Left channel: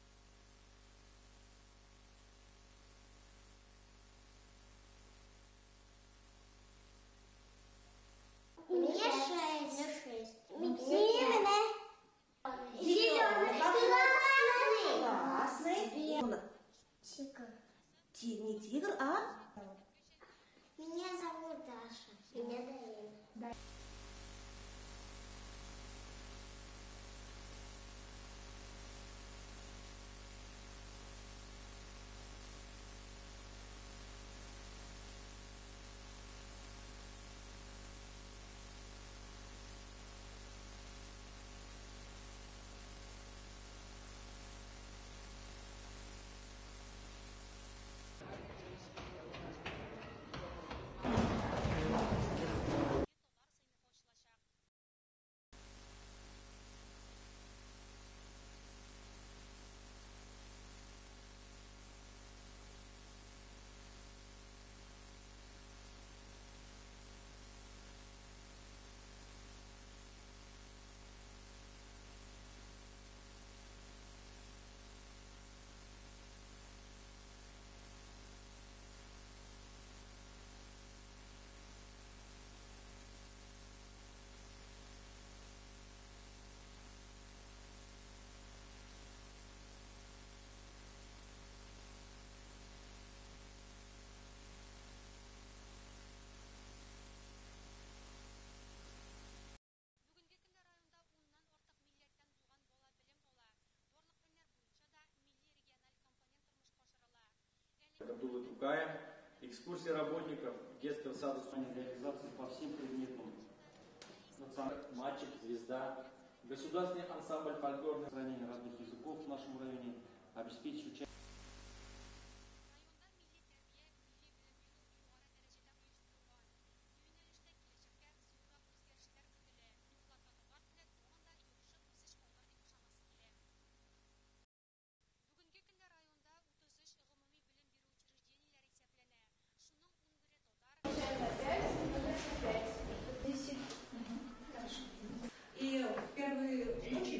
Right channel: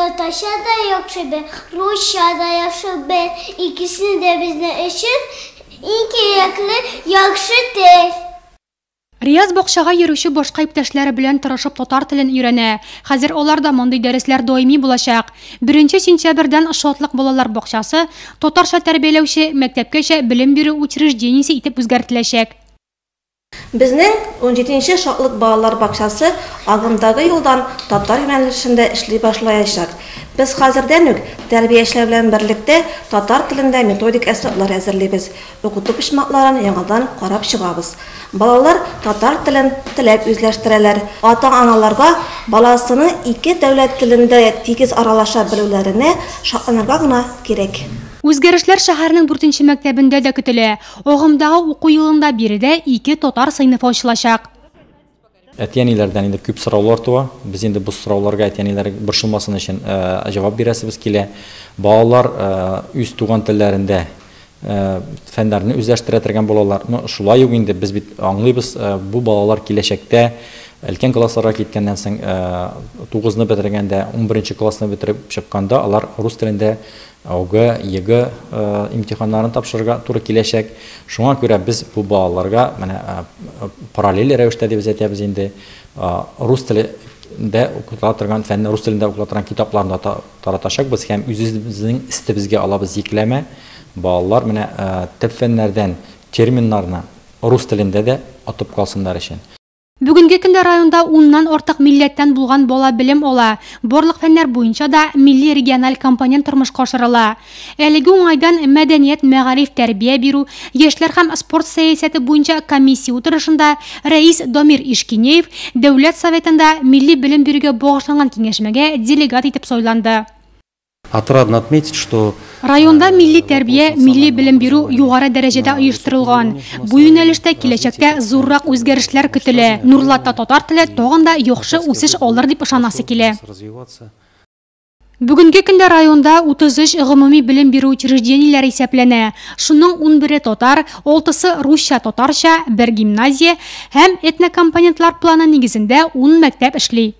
Tatarcha da yaxşı bil, Rusça da yaxşı bil. İkisini de bizden için en gerekli yaxşıdır. Рияз бакчага йөрүче башка иптәшләре белән тырышып татар телен өйрәнә. Хәзер аларда мондый дәресләр даими булачак. 1 сентябрьдән Шатлык балалар бакчасы татарча тәрбияләүче мәктәпкәчә белем бирү учреждениесе итеп үзгәртеләчәк. Безнең 17-нче Шатлык балалар бакчасы агымдагы елдан татар юнәлешендә эшли башлаячак. Без хәзердән үк тәрбиячеләр белән берлектә татар телендә методик әсбаплар әзерлибез. Укыту пишмакларын яңадан карап чыгабыз. Балалар татар телен теләп үзләштерәләр. Ата-аналарга баласының ике дәүләт телендә тигез аралаша белүләренә шатланырга гына кирәк. Үзгәрешләр шәһәрнең 4-нче мәктәбендә дә көтелә. Агымдагы уку елында биредә 2 татар сыйныфы ачылачак. Әтиәниләрдән инде күп сораулар туа. Без инде бу сорауларга әтиәниләр борчылмасын өчен җавап бирәсебез килә. Балалар үз туган телләрендә фәннәрне үзләштерә торган балалар. Шулай ук инде без бит аңлыйбыз, бу балалар киләчәктә өлкән классларга киткәннән соң 9-ны бетергәндә, 11-нче классны бетереп чыкканда алар рус телендә ОГ, ЕГЭ имтиханнарын тапшырырга туры киләчәк. Шуңа күрә без бу балаларга параллель рәвештә дип әйтәбез инде рус телендә укыта торган фәнне рус телендә укыта торган китапларны таратачакбыз һәм үзебезнең истебезгә алабыз йөкләмә. Балалар төп фәннәрдән терминнарны рус телендә дә атып калсыннар өчен. Бүгенге көндә районда 10-нан артык милләттән булган бала белем ала. Барлык фәннәр буенча да милли региональ компонент тормышка ашырыла. Әлеге уңайдан мәдәният, мәгариф, тәрбия бирү, яшьләр һәм спорт сәясәте буенча комиссия утырышында рәис Дамир Ишкинеев Дәүләт Советында милли белем бирүгә багышланган киңәшмәгә делегат итеп сайланды. Отрадно отметить, что районда милли тәрбия, милли белем бирү югары дәрәҗәдә оештырылган. Бу юнәлештә киләчәктә зуррак үзгәрешләр көтелә. Нурлатта татар теле тагын да яхшы үсеш алыр дип ышанасы килә. Бүгенге көндә районда 33 гомуми белем бирү учреждениеләре исәпләнә. Шуның 11-е татар, 6-сы русча татарча, 1 гимназия һәм этнокомпонентлар планы нигезендә 10 мәктәп эшли.